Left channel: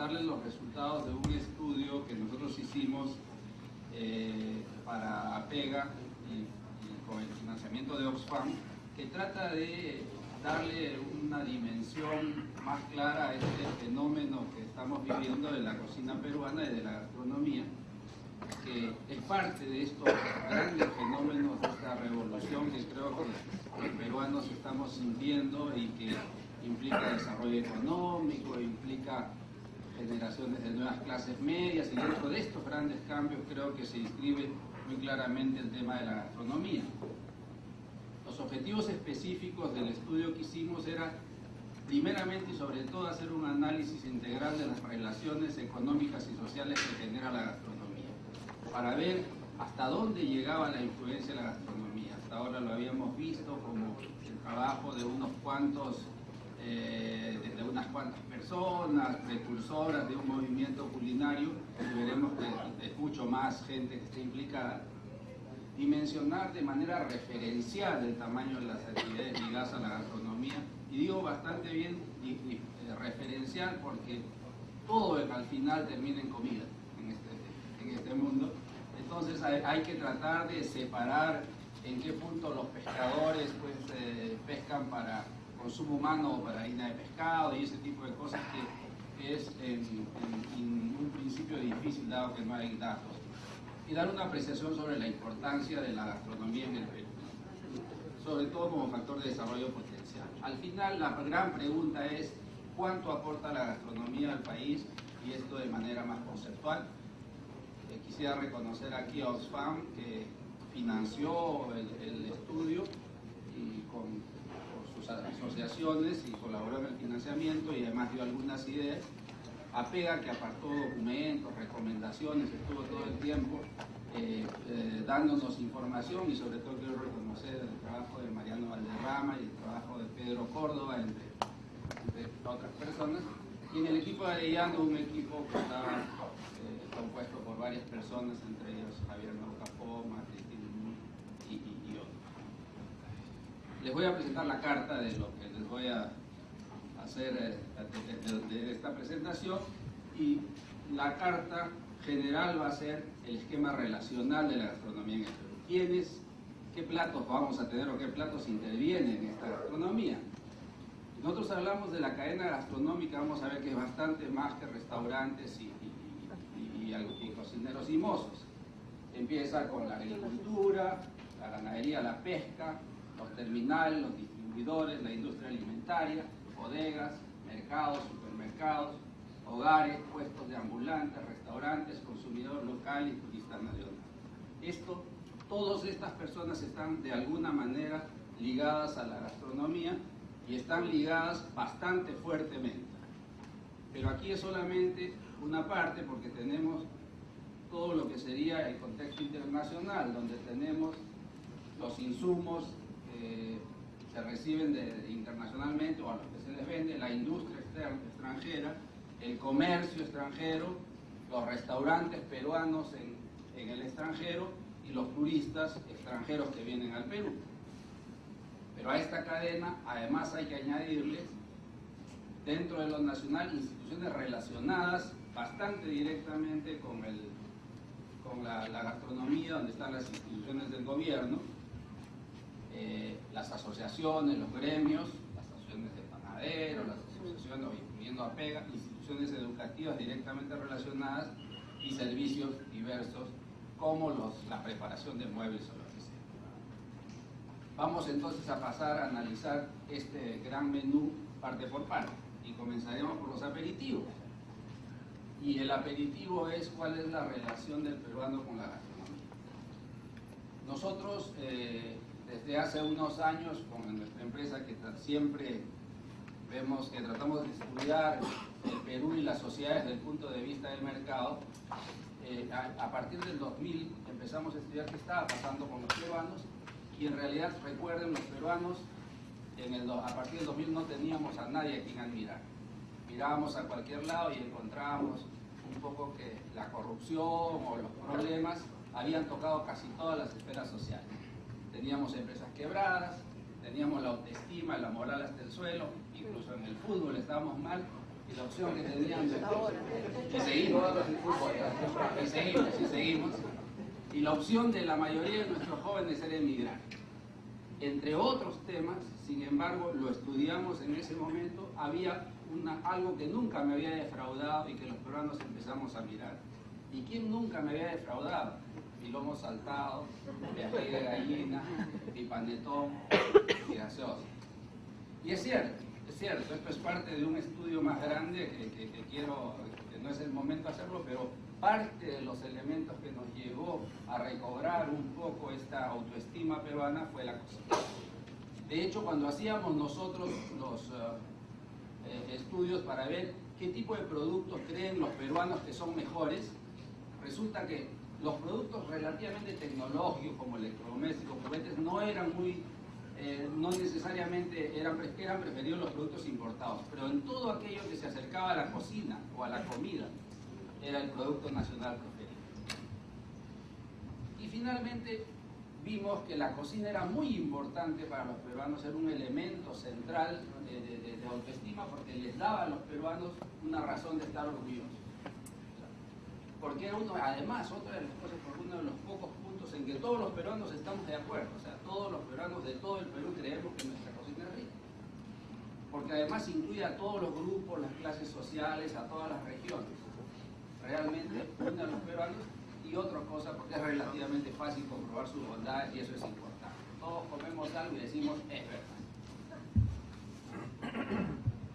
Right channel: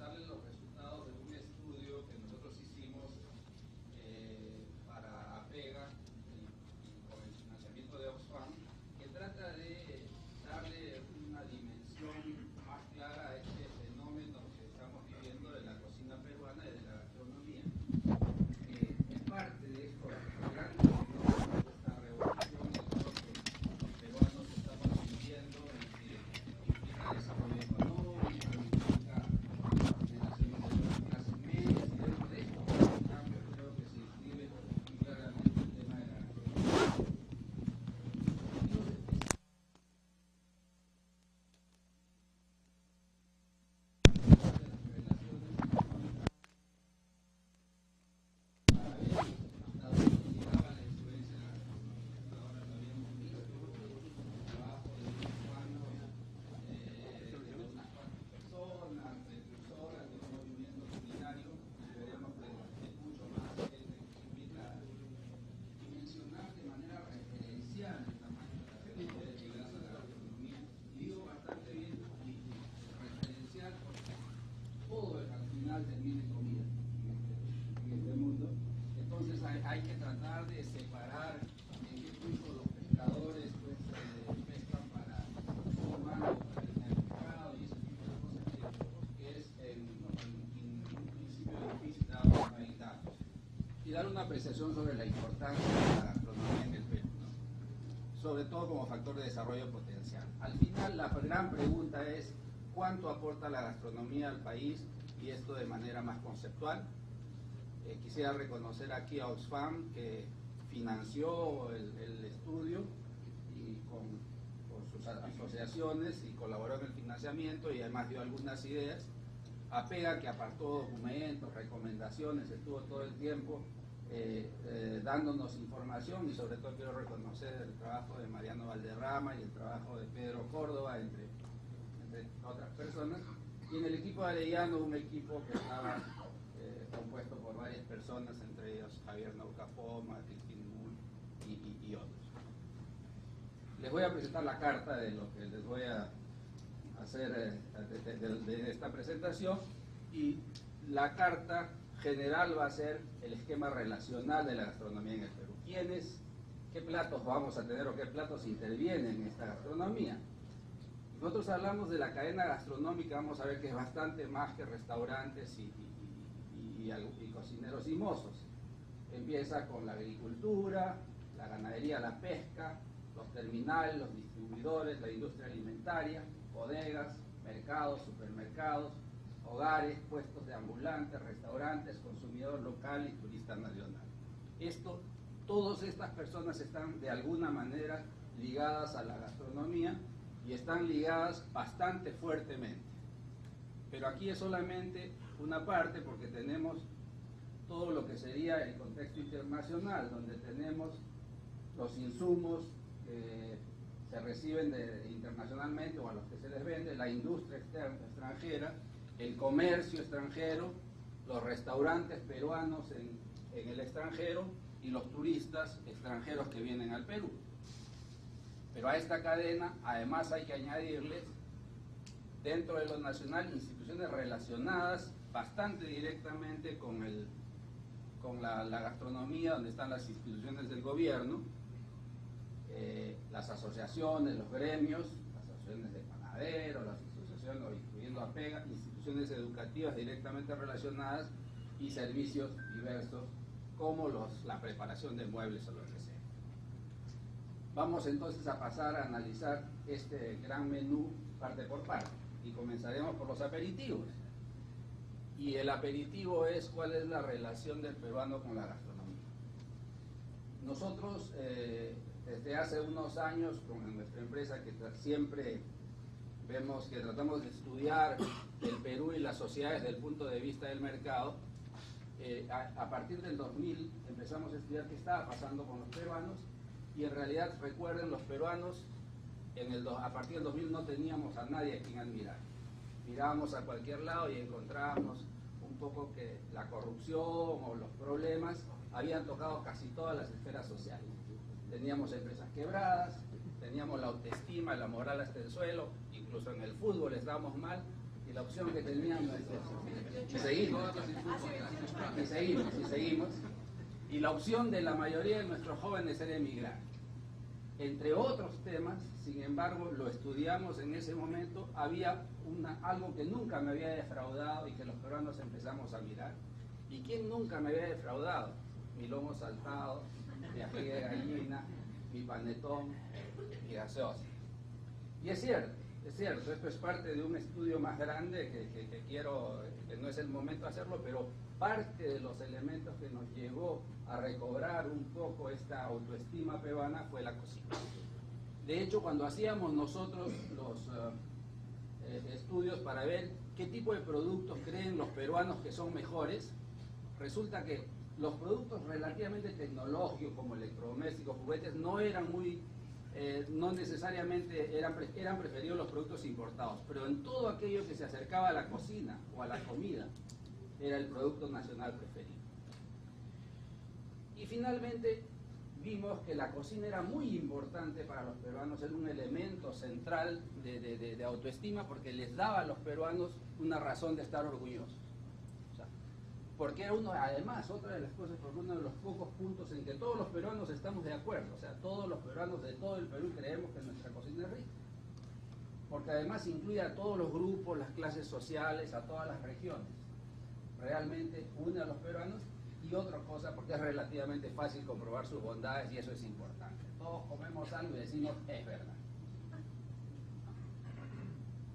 presentarles los resultados de un estudio que nosotros hicimos para APEGA y con el financiamiento de Oxfam, que trata de darle una dimensión más clara a este fenómeno que estamos viviendo de la cocina peruana y de la gastronomía, que es parte de estos grandes fenómenos de esta revolución que creo que los peruanos estamos sintiendo y que implica desarrollo económico, implica generaciones de nuevas clases medias, y dentro de estos grandes cambios creo que se inscribe muy claramente el tema de la gastronomía. Los objetivos específicos del estudio que hicimos era, primeramente y sobre todo, hacer un análisis integral de las relaciones económicas y sociales que genera la gastronomía, para ver hasta dónde llegaba la influencia de la gastronomía. Hasta ahora lo habíamos visto como el trabajo de unas cuantas personas, precursoras de un movimiento culinario, y veremos que es mucho más gente que está implicada, y mencionar de manera referencial el tamaño de las actividades ligadas a la gastronomía, y digo bastante bien referencial porque todo al final termina en comida en este mundo. Entonces hay que tratar de separar en qué punto los pescadores pescan para consumo humano o para harina de pescado y ese tipo de cosas que es en un principio difícil dado que no hay datos, y dar una apreciación sobre la importancia de la gastronomía en el Perú, sobre todo como factor de desarrollo potencial. Al final la gran pregunta es ¿cuánto aporta la gastronomía al país? Y esto de manera más conceptual. Quisiera reconocer aquí a Oxfam, que financió el estudio y con sus asociaciones y colaboró en el financiamiento y además dio algunas ideas. APEGA, que apartó documentos, recomendaciones, estuvo todo el tiempo dándonos información, y sobre todo quiero reconocer el trabajo de Mariano Valderrama y el trabajo de Pedro Córdoba, entre otras personas. Y en el equipo de Arellano, un equipo que está compuesto por varias personas, entre ellos Javier Naucapoma, Cristina y otros. Les voy a presentar la carta de lo que les voy a hacer de esta presentación, y la carta general va a ser el esquema relacional de la gastronomía en el Perú. ¿Qué platos vamos a tener o qué platos intervienen en esta gastronomía? Nosotros hablamos de la cadena gastronómica, vamos a ver que es bastante más que restaurantes y cocineros y mozos. Empieza con la agricultura, la ganadería, la pesca, los terminales, los distribuidores, la industria alimentaria, bodegas, mercados, supermercados, hogares, puestos de ambulantes, restaurantes, consumidor local y turista nacional. Todas estas personas están de alguna manera ligadas a la gastronomía y están ligadas bastante fuertemente. Pero aquí es solamente una parte, porque tenemos todo lo que sería el contexto internacional, donde tenemos los insumos que se reciben internacionalmente o a los que se les vende, la industria extranjera, el comercio extranjero, los restaurantes peruanos en el extranjero y los turistas extranjeros que vienen al Perú. Pero a esta cadena además hay que añadirles, dentro de lo nacional, instituciones relacionadas bastante directamente con la gastronomía, donde están las instituciones del gobierno, las asociaciones, los gremios, las asociaciones de panaderos, las asociaciones, incluyendo APEGA, instituciones educativas directamente relacionadas y servicios diversos como la preparación de muebles o lo que sea. Vamos entonces a pasar a analizar este gran menú parte por parte, y comenzaremos por los aperitivos. Y el aperitivo es cuál es la relación del peruano con la gastronomía. Nosotros desde hace unos años con nuestra empresa, que siempre vemos que tratamos de estudiar el Perú y las sociedades desde el punto de vista del mercado, a partir del 2000 empezamos a estudiar qué estaba pasando con los peruanos, y en realidad, recuerden, los peruanos a partir del 2000 no teníamos a nadie a quien admirar. Mirábamos a cualquier lado y encontrábamos un poco que la corrupción o los problemas habían tocado casi todas las esferas sociales. Teníamos empresas quebradas, teníamos la autoestima, la moral hasta el suelo, incluso en el fútbol estábamos mal, y la opción que tenían nuestros, y seguimos, y la opción de la mayoría de nuestros jóvenes era emigrar. Entre otros temas, sin embargo, lo estudiamos en ese momento, había algo que nunca me había defraudado y que los peruanos empezamos a mirar. ¿Y quién nunca me había defraudado? Mi lomo saltado, mi ají de gallina, mi panetón, mi gaseosa. Y es cierto, esto es parte de un estudio más grande que no es el momento de hacerlo, pero parte de los elementos que nos llevó a recobrar un poco esta autoestima peruana fue la cocina. De hecho, cuando hacíamos nosotros los estudios para ver qué tipo de productos creen los peruanos que son mejores, resulta que los productos relativamente tecnológicos como electrodomésticos, juguetes, no eran muy, no necesariamente eran preferidos los productos importados, pero en todo aquello que se acercaba a la cocina o a la comida, era el producto nacional preferido. Y finalmente vimos que la cocina era muy importante para los peruanos, era un elemento central de autoestima porque les daba a los peruanos una razón de estar orgullosos. Porque era además, otra de las cosas, porque uno de los pocos puntos en que todos los peruanos estamos de acuerdo, o sea, todos los peruanos de todo el Perú creemos que nuestra cocina es rica. Porque además incluye a todos los grupos, las clases sociales, a todas las regiones. Realmente une a los peruanos. Y otra cosa, porque es relativamente fácil comprobar sus bondades y eso es importante. Todos comemos algo y decimos, es verdad.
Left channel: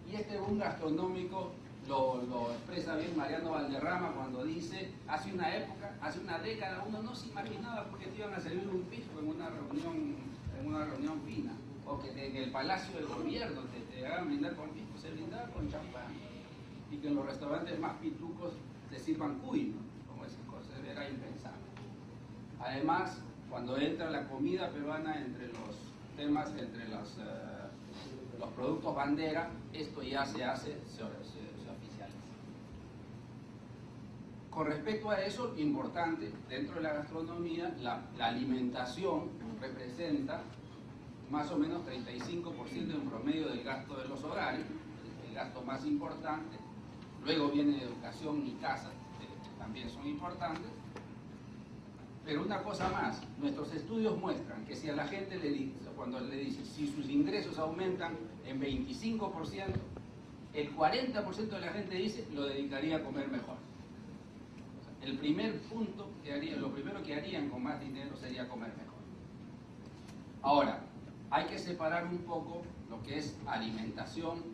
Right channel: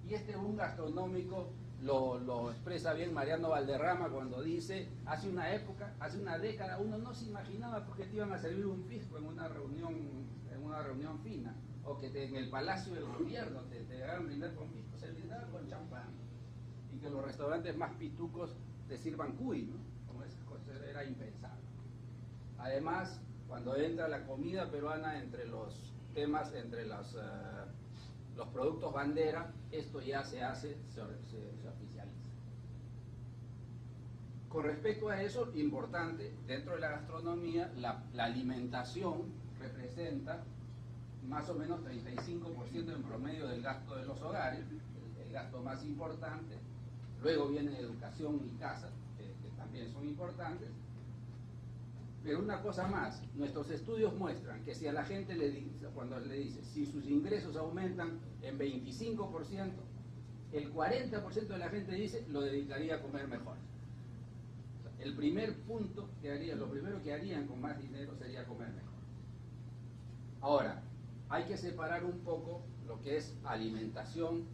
Y este boom gastronómico lo expresa bien Mariano Valderrama cuando dice, hace una década uno no se imaginaba por qué te iban a servir un pisco en una reunión fina, o que en el Palacio del Gobierno te hagan brindar con pisco, se brindaba con champán, y que en los restaurantes más pitucos te sirvan cuy, ¿no? Como esas cosas, era impensable. Además, cuando entra la comida peruana entre los temas, entre los productos bandera, esto ya se oficializa. Con respecto a eso, importante, dentro de la gastronomía, la alimentación representa más o menos 35% en promedio del gasto de los hogares, el gasto más importante. Luego viene educación y casa, que también son importantes. Pero una cosa más, nuestros estudios muestran que si a la gente cuando le dice si sus ingresos aumentan en 25%, el 40% de la gente dice lo dedicaría a comer mejor. O sea, el primer punto que harían, lo primero que harían con más dinero sería comer mejor. Ahora, hay que separar un poco lo que es alimentación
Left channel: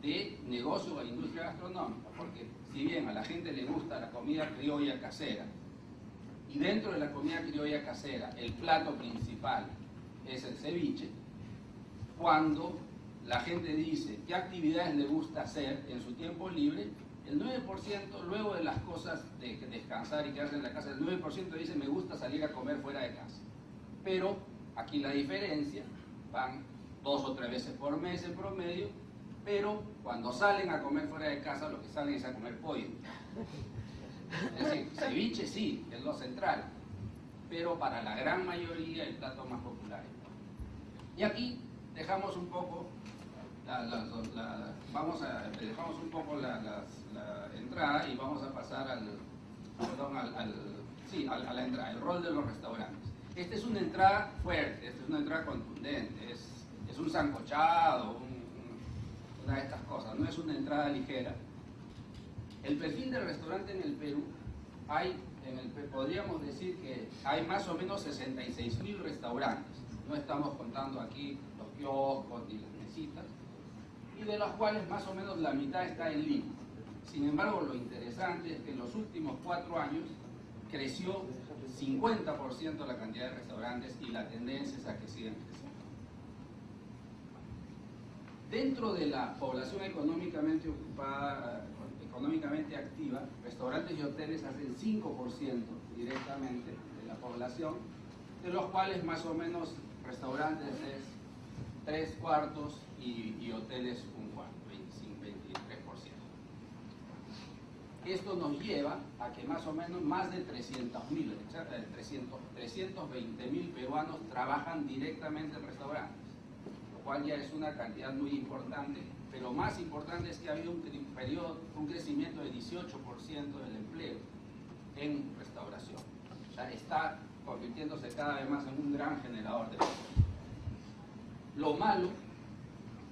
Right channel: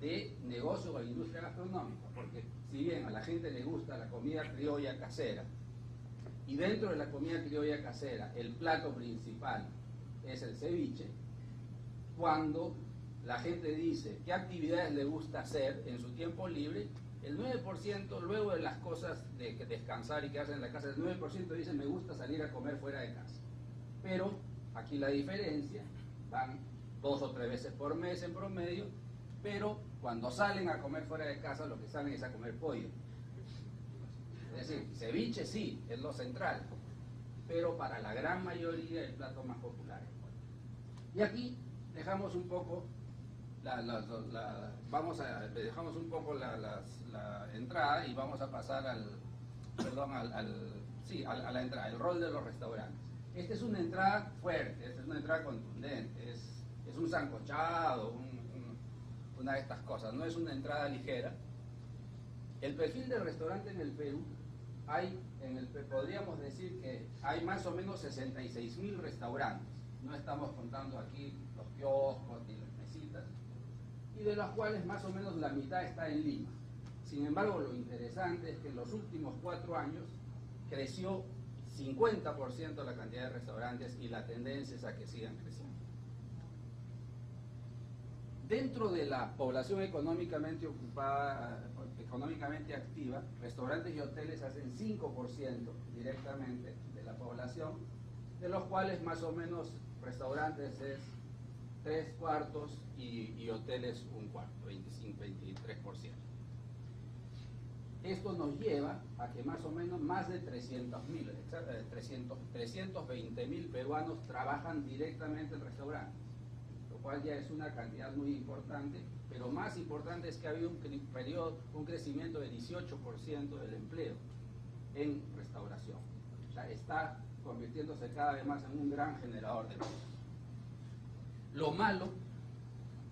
de negocio o industria gastronómica, porque si bien a la gente le gusta la comida criolla casera, y dentro de la comida criolla casera el plato principal es el ceviche, cuando la gente dice qué actividades le gusta hacer en su tiempo libre, el 9%, luego de las cosas de descansar y quedarse en la casa, el 9% dice me gusta salir a comer fuera de casa. Pero aquí la diferencia, van 2 o 3 veces por mes en promedio, pero cuando salen a comer fuera de casa lo que salen es a comer pollo. Es decir, ceviche sí, es lo central, pero para la gran mayoría el plato más popular es pollo. Y aquí dejamos un poco dejamos un poco la entrada y vamos a pasar a la entrada, el rol de los restaurantes. Esta es una entrada fuerte, esta es una entrada contundente, es un sancochado, una de estas cosas, no es una entrada ligera. El perfil del restaurante en el Perú, podríamos decir que hay más o menos 66.000 restaurantes. No estamos contando aquí los kioscos ni las mesitas, y de los cuales más o menos la mitad está en Lima. Sin embargo, lo interesante es que en los últimos 4 años creció 50% la cantidad de restaurantes y la tendencia es a que sigan creciendo. Dentro de la población económicamente ocupada, económicamente activa, restaurantes y hoteles hacen 5% directamente de la población, de los cuales más o menos restaurantes es 3/4 y hoteles 1/4, 23%. Esto nos lleva a que más o menos más de 320.000 peruanos trabajan directamente en restaurantes, lo cual ya es una cantidad muy importante pero más importante es que ha habido un crecimiento de 18% del empleo en restauración. O sea, está convirtiéndose cada vez más en un gran generador de empleo.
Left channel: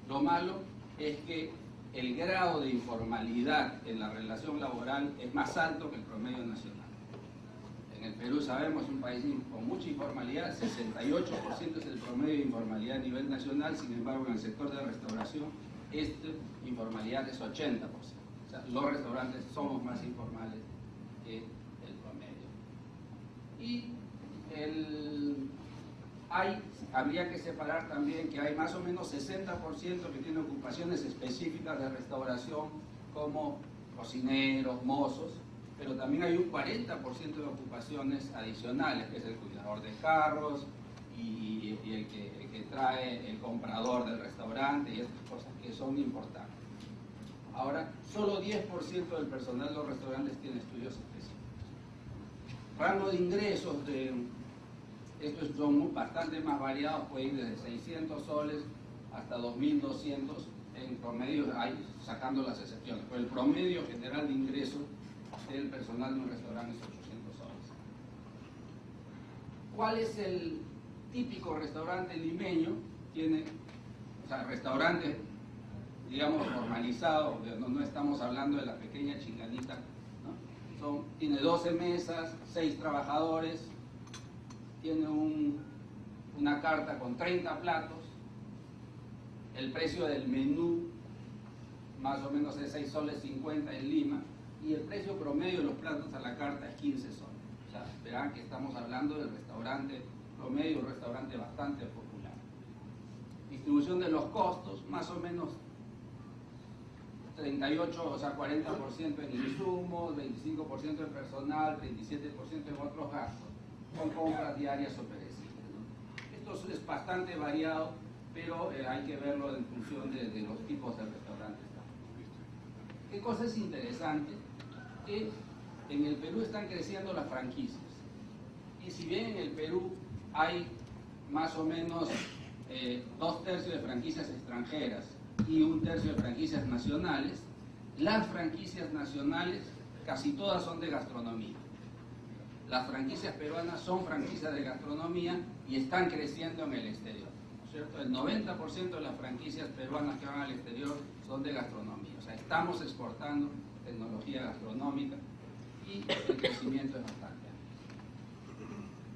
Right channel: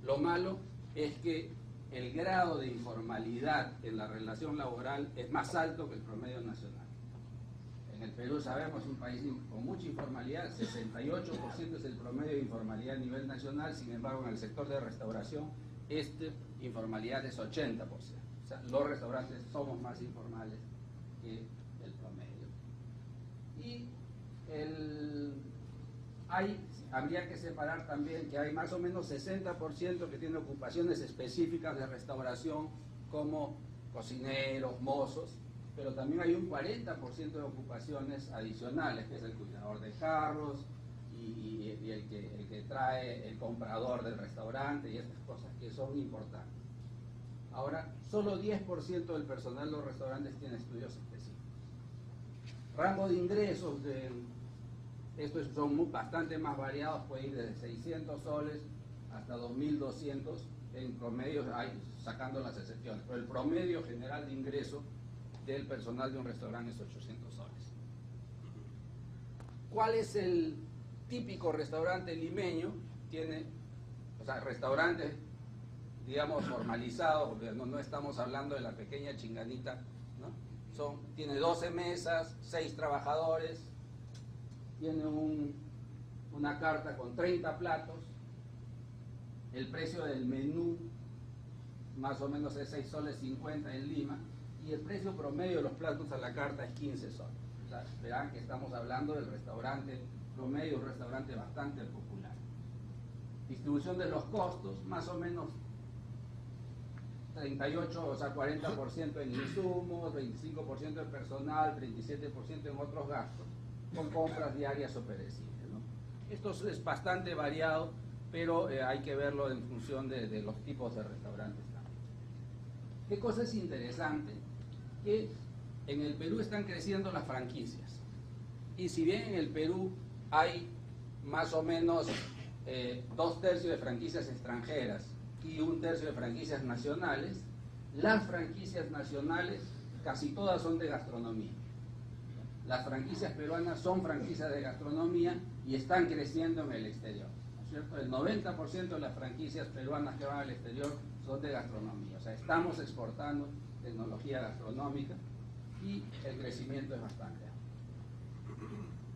Lo malo es que el grado de informalidad en la relación laboral es más alto que el promedio nacional. En el Perú sabemos, un país con mucha informalidad, 68% es el promedio de informalidad a nivel nacional, sin embargo en el sector de restauración, informalidad es 80%. O sea, los restaurantes somos más informales que el promedio. Y habría que separar también que hay más o menos 60% que tienen ocupaciones específicas de restauración, como cocineros, mozos, pero también hay un 40% de ocupaciones adicionales, que es el cuidador de carros y el que trae el comprador del restaurante y estas cosas que son importantes. Ahora, solo 10% del personal de los restaurantes tiene estudios específicos. Rango de ingresos estos son bastante más variados, puede ir desde 600 soles hasta 2.200 en promedio, sacando las excepciones, pero el promedio general de ingreso del personal de un restaurante es 800 soles. ¿Cuál es el típico restaurante limeño? Tiene, o sea, restaurante, digamos, formalizado, no estamos hablando de la pequeña chinganita, ¿no? Tiene 12 mesas, 6 trabajadores, tiene una carta con 30 platos, el precio del menú más o menos es 6 soles 50 en Lima, y el precio promedio de los platos a la carta es 15 soles. O sea, verán que estamos hablando del restaurante promedio, un restaurante bastante popular. Distribución de los costos, más o menos 38, o sea, 40% en insumos, 25% en personal, 37% en otros gastos, con compras diarias o perecibles, ¿no? Esto es bastante variado, pero hay que verlo en función de los tipos de restaurantes. ¿Qué cosa es interesante? Que en el Perú están creciendo las franquicias. Y si bien en el Perú hay más o menos 2/3 de franquicias extranjeras y 1/3 de franquicias nacionales, las franquicias nacionales casi todas son de gastronomía. Las franquicias peruanas son franquicias de gastronomía y están creciendo en el exterior, ¿cierto? El 90% de las franquicias peruanas que van al exterior son de gastronomía. O sea, estamos exportando tecnología gastronómica y el crecimiento es bastante alto.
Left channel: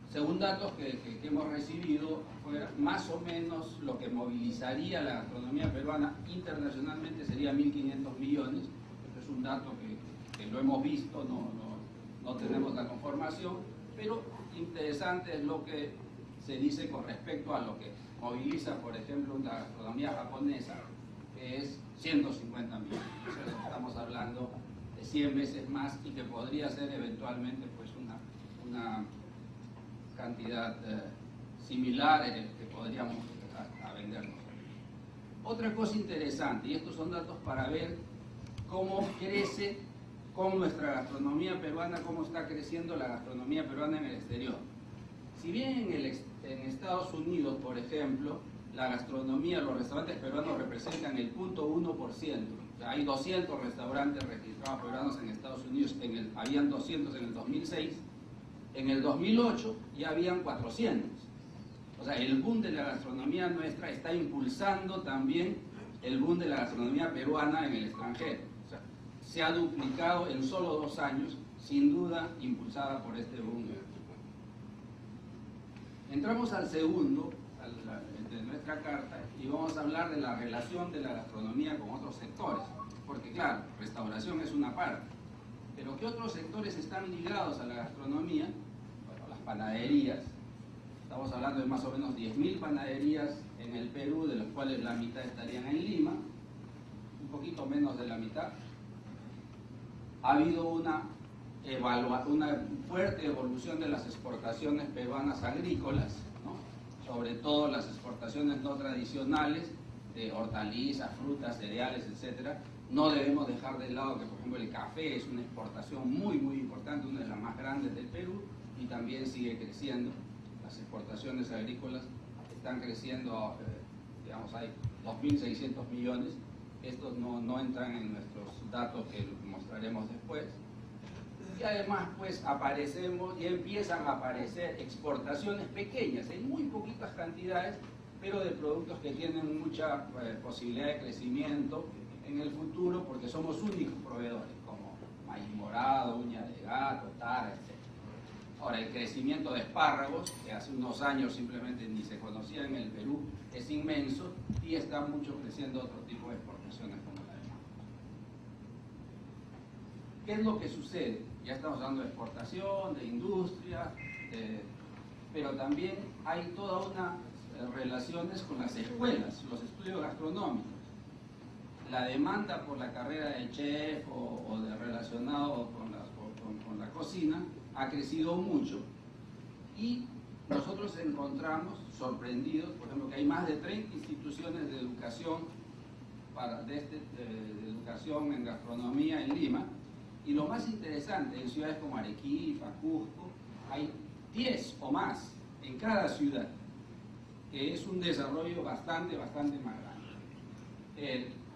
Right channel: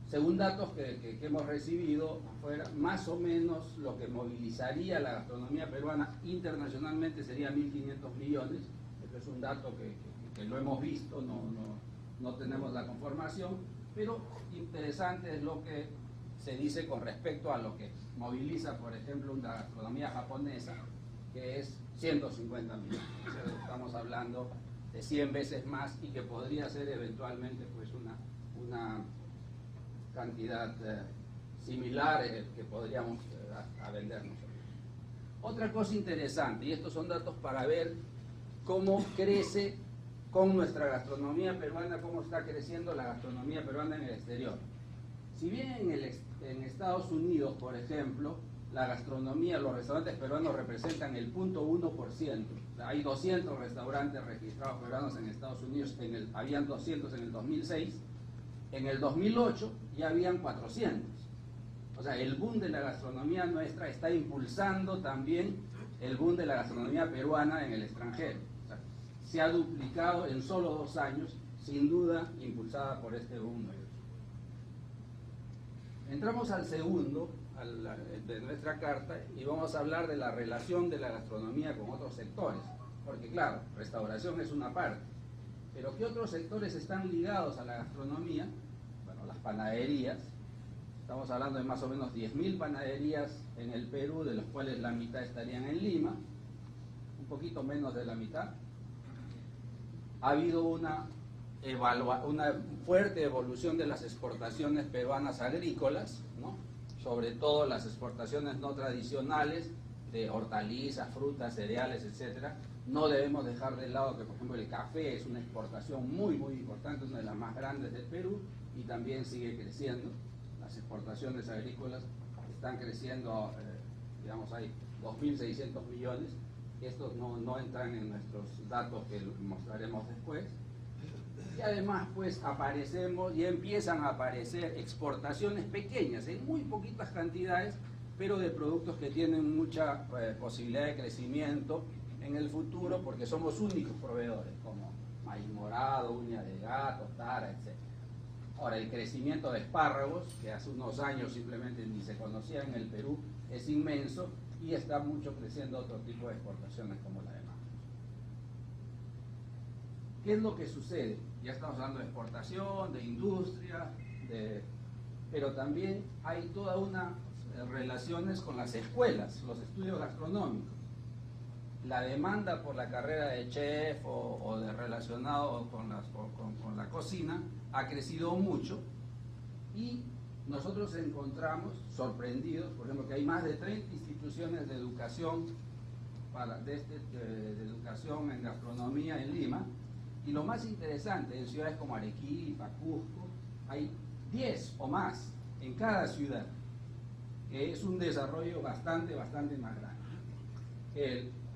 Según datos que hemos recibido, más o menos lo que movilizaría la gastronomía peruana internacionalmente sería 1.500 millones. Este es un dato que lo hemos visto, no tenemos la conformación, pero interesante es lo que se dice con respecto a lo que moviliza, por ejemplo, la gastronomía japonesa, que es 150 millones. Estamos hablando de 100 veces más y que podría ser eventualmente pues una cantidad similar que podríamos a vendernos. Otra cosa interesante, y estos son datos para ver cómo crece con nuestra gastronomía peruana, cómo está creciendo la gastronomía peruana en el exterior. Si bien en Estados Unidos, por ejemplo, la gastronomía, los restaurantes peruanos representan el 0.1%. O sea, hay 200 restaurantes registrados peruanos en Estados Unidos, habían 200 en el 2006, en el 2008 ya habían 400. O sea, el boom de la gastronomía nuestra está impulsando también el boom de la gastronomía peruana en el extranjero. O sea, se ha duplicado en solo 2 años, sin duda impulsada por este boom. Entramos al segundo de nuestra carta y vamos a hablar de la relación de la gastronomía con otros sectores, porque claro, restauración es una parte, pero ¿qué otros sectores están ligados a la gastronomía? Bueno, las panaderías. Estamos hablando de más o menos 10.000 panaderías en el Perú, de las cuales la mitad estarían en Lima, un poquito menos de la mitad. Ha habido una fuerte evolución de las exportaciones peruanas agrícolas, ¿no? Sobre todo las exportaciones no tradicionales de hortalizas, frutas, cereales, etc. No debemos dejar de lado que, por ejemplo, el café es una exportación muy importante, una de las más grandes del Perú, y también sigue creciendo. Las exportaciones agrícolas están creciendo, digamos, hay 2.600 millones, estos no entran en nuestros datos que mostraremos después. Y además pues aparecemos y empiezan a aparecer exportaciones pequeñas, en muy poquitas cantidades, pero de productos que tienen mucha posibilidad de crecimiento en el futuro porque somos únicos proveedores, como maíz morado, uña de gato, tara, etc. Ahora, el crecimiento de espárragos, que hace unos años simplemente ni se conocía en el Perú, es inmenso y está mucho creciendo otro tipo de exportaciones como la de mango. ¿Qué es lo que sucede? Ya estamos hablando de exportación, de industria, pero también hay toda una relaciones con las escuelas, los estudios gastronómicos. La demanda por la carrera de chef o de relacionado con la cocina ha crecido mucho y nosotros encontramos sorprendidos, por ejemplo, que hay más de 30 instituciones de educación de educación en gastronomía en Lima, y lo más interesante, en ciudades como Arequipa, Cusco, hay 10 o más en cada ciudad, que es un desarrollo bastante más grande.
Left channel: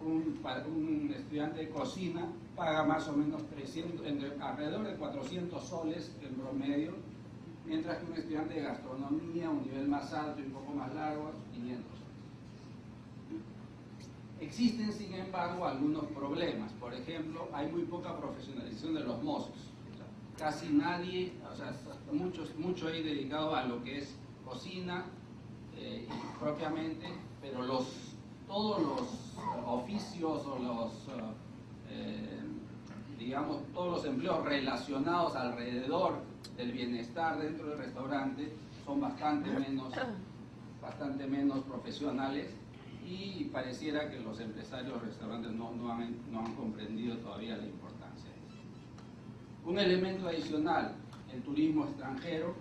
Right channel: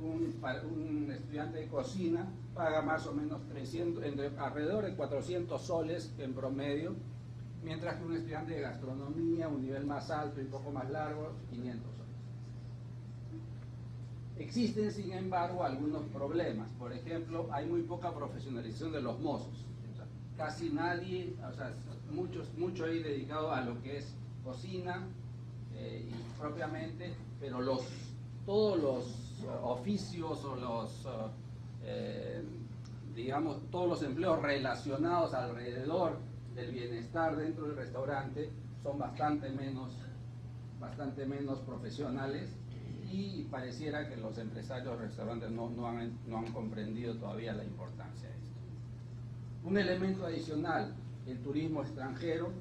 Un estudiante de cocina paga más o menos 300, alrededor de 400 soles en promedio, mientras que un estudiante de gastronomía, un nivel más alto y un poco más largo, 500 soles. Existen, sin embargo, algunos problemas. Por ejemplo, hay muy poca profesionalización de los mozos. O sea, casi nadie, o sea, mucho ahí dedicado a lo que es cocina propiamente, pero todos los oficios o digamos, todos los empleos relacionados alrededor del bienestar dentro del restaurante son bastante menos profesionales, y pareciera que los empresarios de restaurantes no han comprendido todavía la importancia de esto. Un elemento adicional, el turismo extranjero,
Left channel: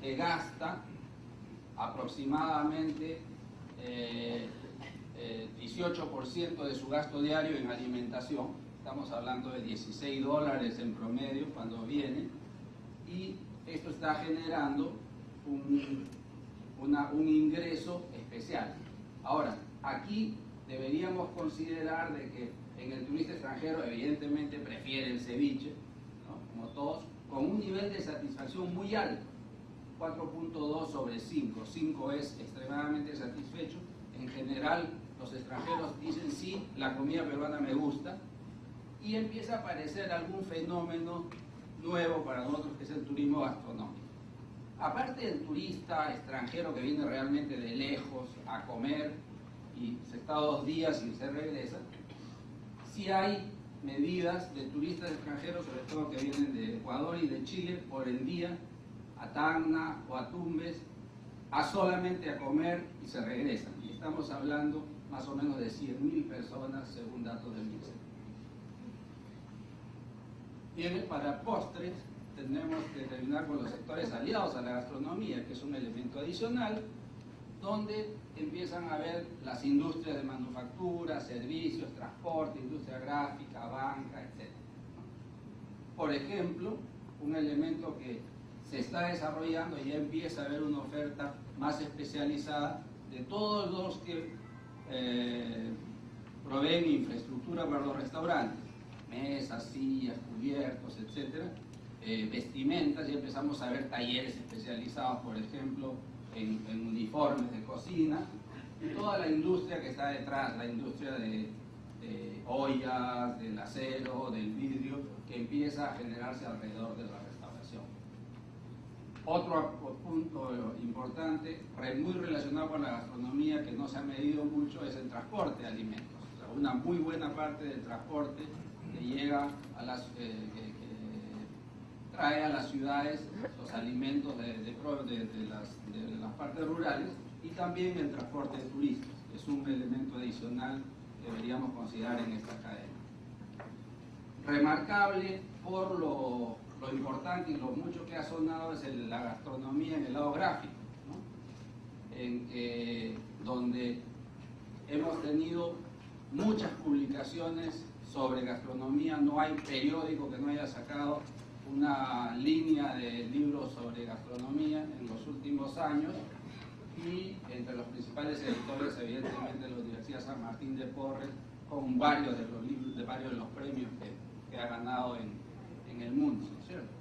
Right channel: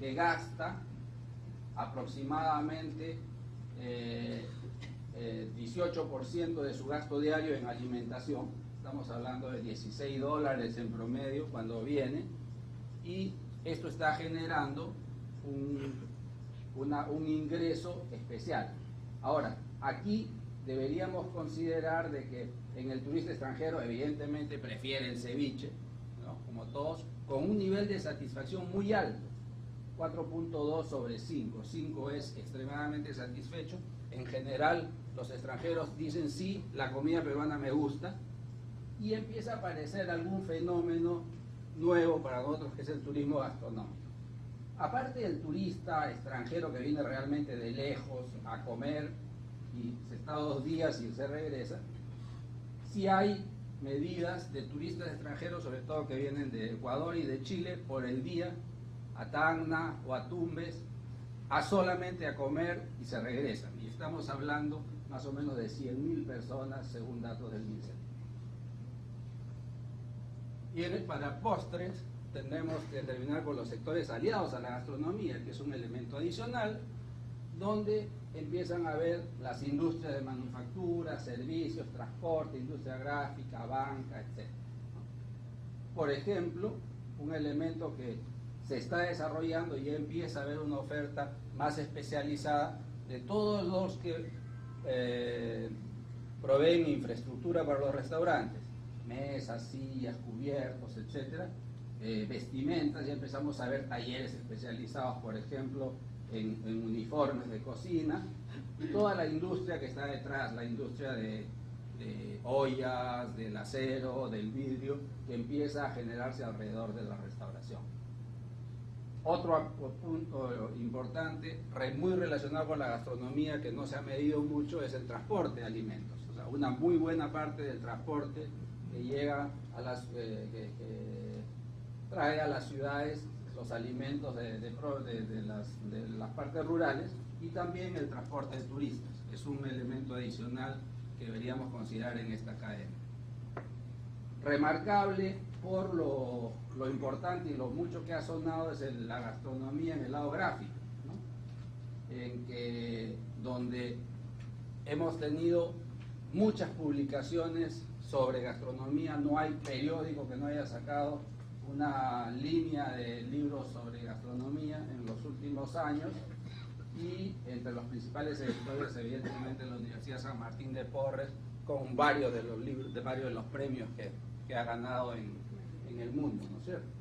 que gasta aproximadamente 18% de su gasto diario en alimentación. Estamos hablando de $16 en promedio cuando viene, y esto está generando un ingreso especial. Ahora, aquí deberíamos considerar de que en el turista extranjero evidentemente prefiere el ceviche, ¿no? Como todos, con un nivel de satisfacción muy alto, 4.2 sobre 5. 5 es extremadamente satisfecho. En general, los extranjeros dicen sí, la comida peruana me gusta, y empieza a aparecer algún fenómeno nuevo para nosotros, que es el turismo gastronómico. Aparte del turista extranjero que viene realmente de lejos a comer y se está 2 días y se regresa, sí hay medidas de turistas extranjeros, sobre todo que vienen de Ecuador y de Chile, por el día, a Tacna o a Tumbes, solamente a comer y se regresan. Y estamos hablando más o menos de 100.000 personas según datos del MINSET. Y para postres tenemos que terminar con los sectores aliados a la gastronomía, que es un elemento adicional, donde empiezan a ver las industrias de manufactura, servicios, transporte, industria gráfica, banca, etc. Por ejemplo, un elemento que se está desarrollando y ya empieza a haber una oferta más especializada de todos los que proveen infraestructura para los restaurantes, mesas, sillas, cubiertos, etcétera, vestimentas. Ya empezamos a ver talleres especializados, por ejemplo, en uniformes de cocina, y toda la industria que está detrás, la industria de ollas, del acero, del vidrio, que empieza a generarse alrededor de la restauración. Otro punto importante, muy relacionado con la gastronomía, que no se ha medido mucho, es el transporte de alimentos. O sea, una muy buena parte del transporte que llega a que trae a las ciudades los alimentos de las partes rurales, y también el transporte de turistas, que es un elemento adicional que deberíamos considerar en esta cadena. Remarcable por lo importante y lo mucho que ha sonado es la gastronomía en el lado gráfico, ¿no? Donde hemos tenido muchas publicaciones sobre gastronomía. No hay periódico que no haya sacado una línea de libros sobre gastronomía en los últimos años, y entre los principales editores, evidentemente, la Universidad San Martín de Porres con varios de los libros, de varios de los premios que ha ganado en el mundo, ¿no es cierto?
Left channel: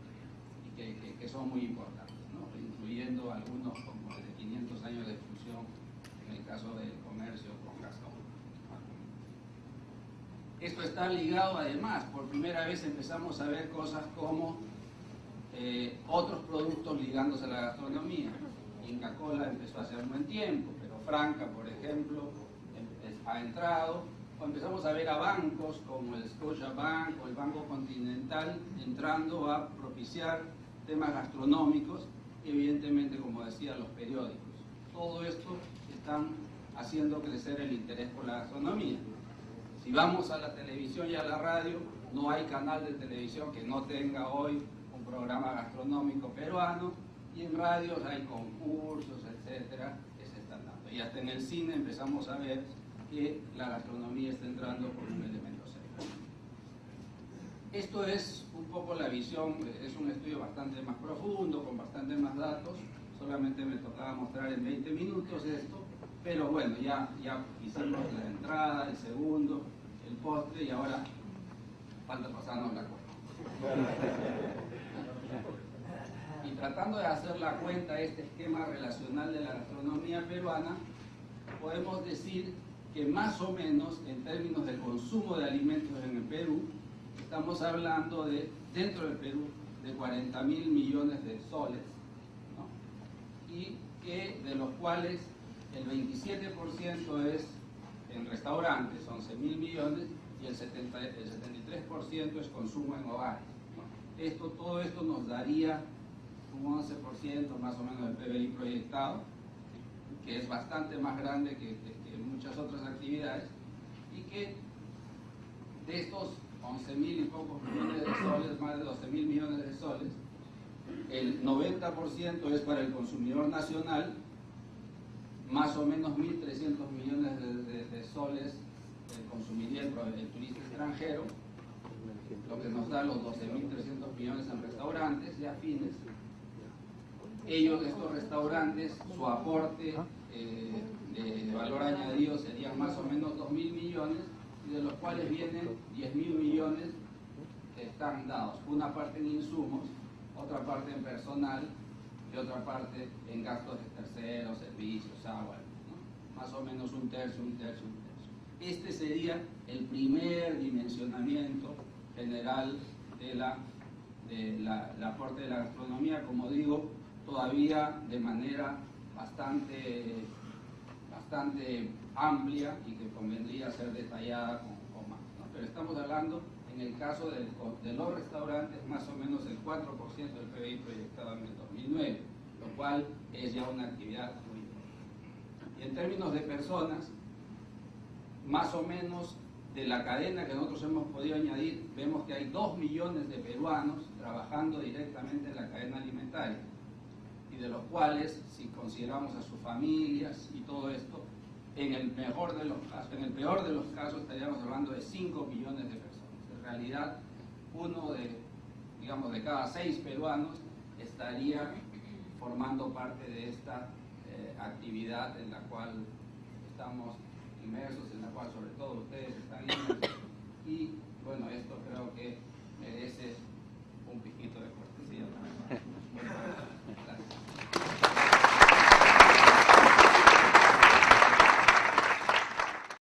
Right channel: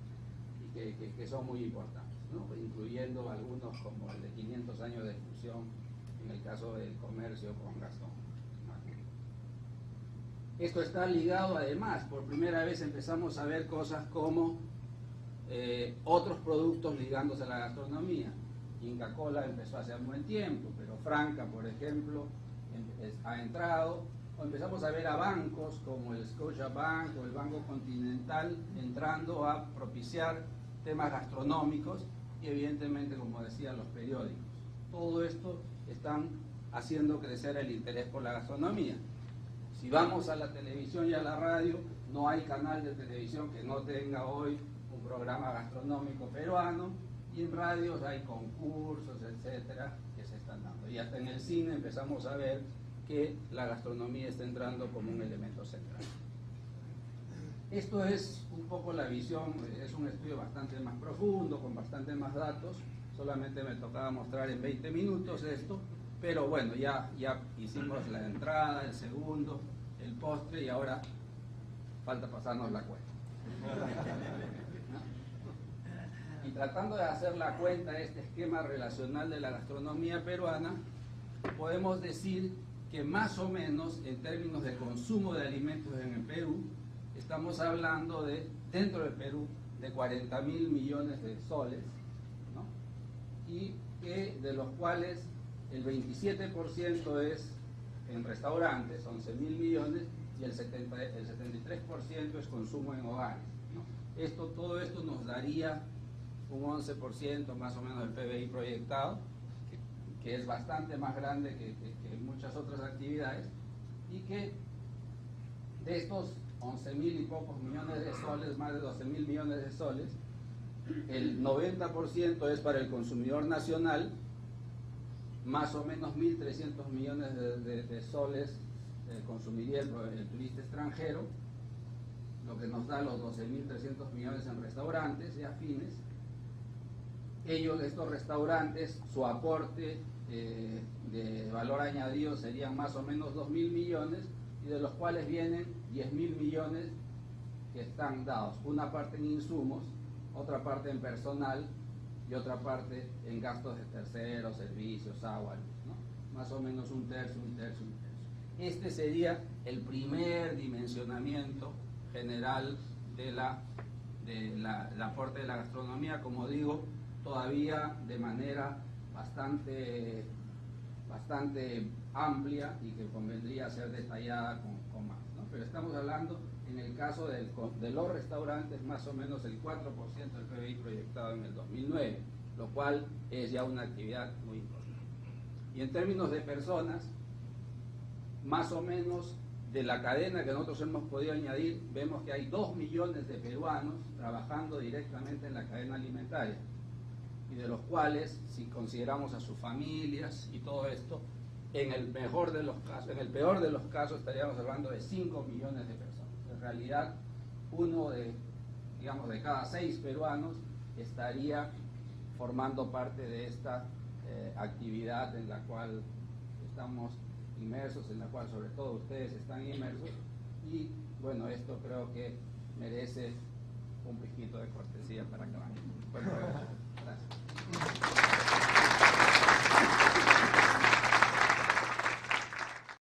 Y que son muy importantes, ¿no? Incluyendo algunos como el de 500 años de fusión, en el caso del comercio con Gastón. Esto está ligado además, por primera vez empezamos a ver cosas como otros productos ligándose a la gastronomía. Inca Kola empezó hace un buen tiempo, pero Franca, por ejemplo, ha entrado, o empezamos a ver a bancos como el Scotiabank o el Banco Continental entrando a propiciar temas gastronómicos y evidentemente, como decía, los periódicos. Todo esto están haciendo crecer el interés por la gastronomía. Si vamos a la televisión y a la radio, no hay canal de televisión que no tenga hoy un programa gastronómico peruano, y en radios hay concursos, etcétera, que se están dando. Y hasta en el cine empezamos a ver que la gastronomía está entrando como un elemento central. Esto es un poco la visión, es un estudio bastante más profundo, con bastante más datos. Solamente me tocaba mostrar en 20 minutos esto, pero bueno, ya hicimos la entrada, el segundo, el postre, y ahora falta pasarnos la cuenta. Y tratando de hacer la cuenta, este esquema relacional de la gastronomía peruana, podemos decir que más o menos en términos de consumo de alimentos en el Perú, estamos hablando de, dentro del Perú, de 40.000 millones de soles, ¿no? Y que de los cuales el 27% es en restaurantes, 11.000 millones, y el 73% es consumo en hogares, ¿no? Todo esto nos daría un 11% más o menos del PBI proyectado, que es bastante más grande que muchas otras actividades, y que de estos 11.000 y pocos millones de soles, más de 12.000 millones de soles, el 90% es para el consumidor nacional, más o menos 1.300 millones de soles consumiría el turista extranjero, lo que nos da los 12.300 millones en restaurantes y afines. Estos restaurantes, su aporte de valor añadido serían más o menos 2.000 millones, y de los cuales vienen 10.000 millones que están dados, una parte en insumos, otra parte en personal y otra parte en gastos de terceros, servicios, agua, ¿no? Más o menos un tercio. Este sería el primer dimensionamiento general del aporte de la gastronomía, como digo, todavía de manera bastante amplia y que convendría ser detallada con más, ¿no? Pero estamos hablando, en el caso de los restaurantes, más o menos el 4% del PBI proyectado en el 2009, lo cual es ya una actividad muy importante. Y en términos de personas, más o menos de la cadena que nosotros hemos podido añadir, vemos que hay 2 millones de peruanos trabajando directamente en la cadena alimentaria, y de los cuales, si consideramos a sus familias y todo esto, en el peor de los casos estaríamos hablando de 5 millones de personas. En realidad, uno de cada 6 peruanos estaría formando parte de esta actividad en la cual estamos inmersos, en la cual sobre todo ustedes están inmersos, y bueno, esto creo que merece